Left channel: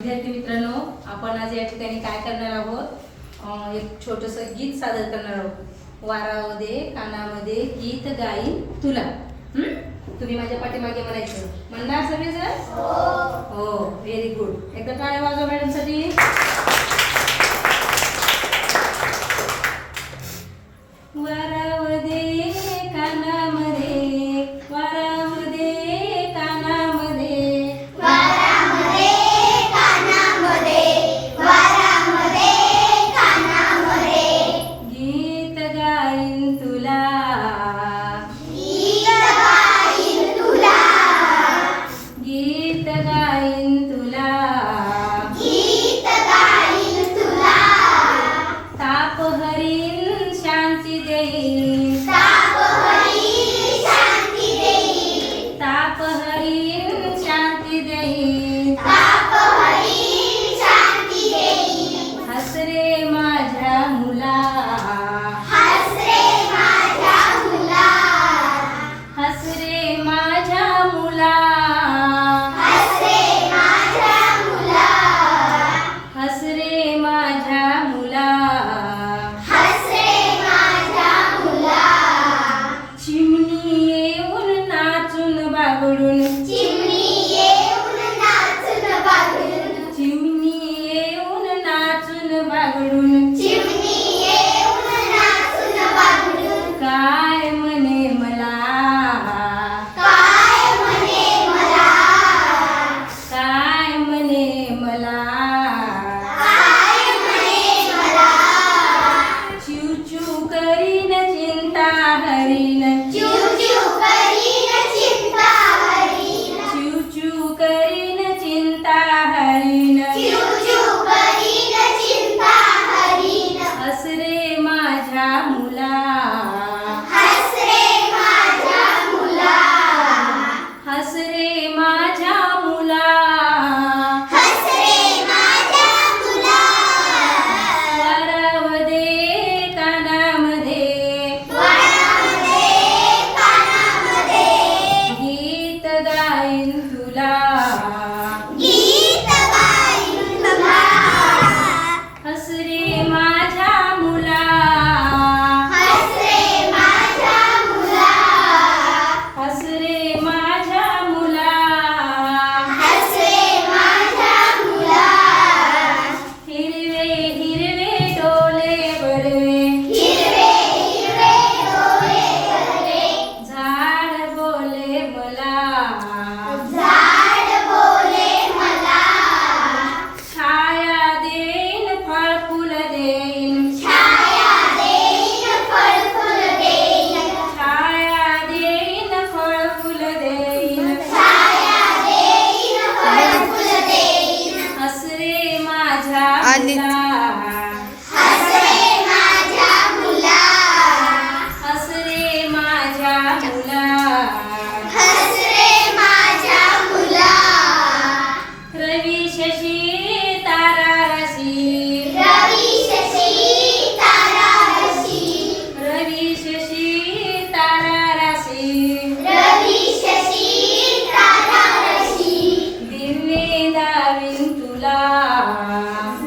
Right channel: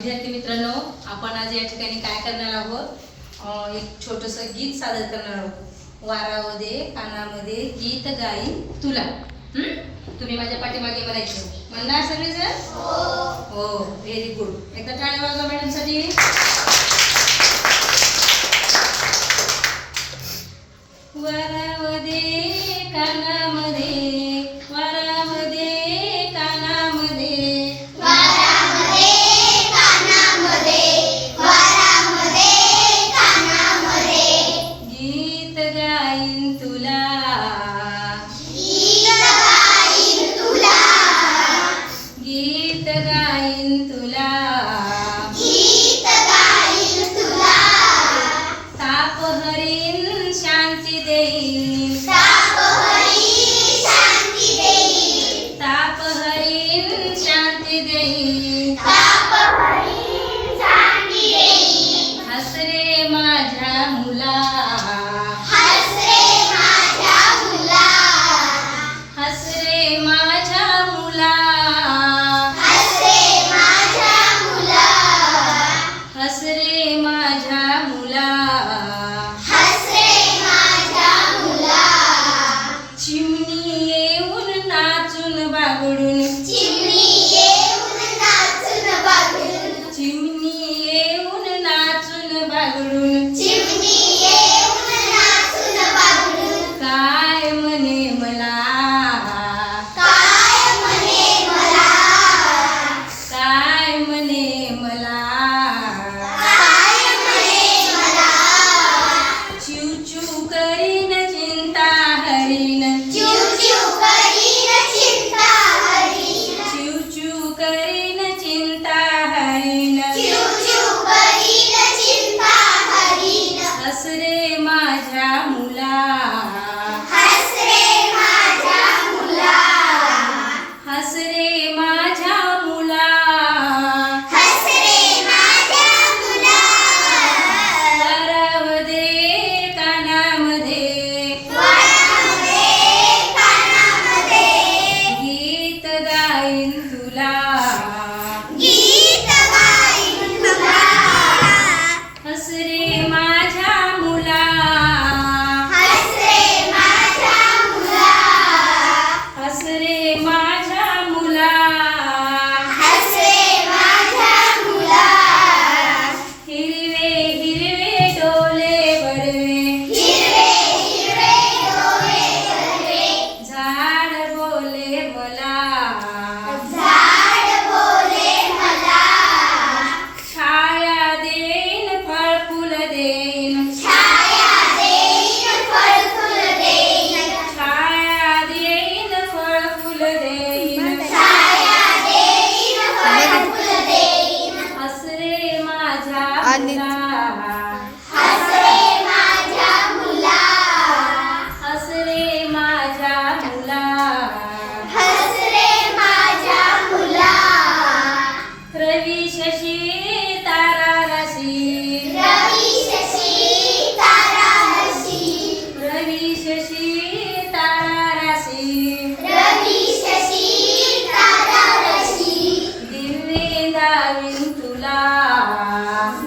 विद्यार्थी मित्रांनो आपण आज या ठिकाणी काय करणार आहोत? एक छोटंसं गीत सादर करणार आहोत. वारामध्ये कानामध्ये गीत गाई तुला. तुम्ही माझ्या पाठीमागे म्हणायचं म्हणणार सगळे सर हो, हो व्हेरी गुड एकदा टाळे वाजवा मॅडमसाठी. तुला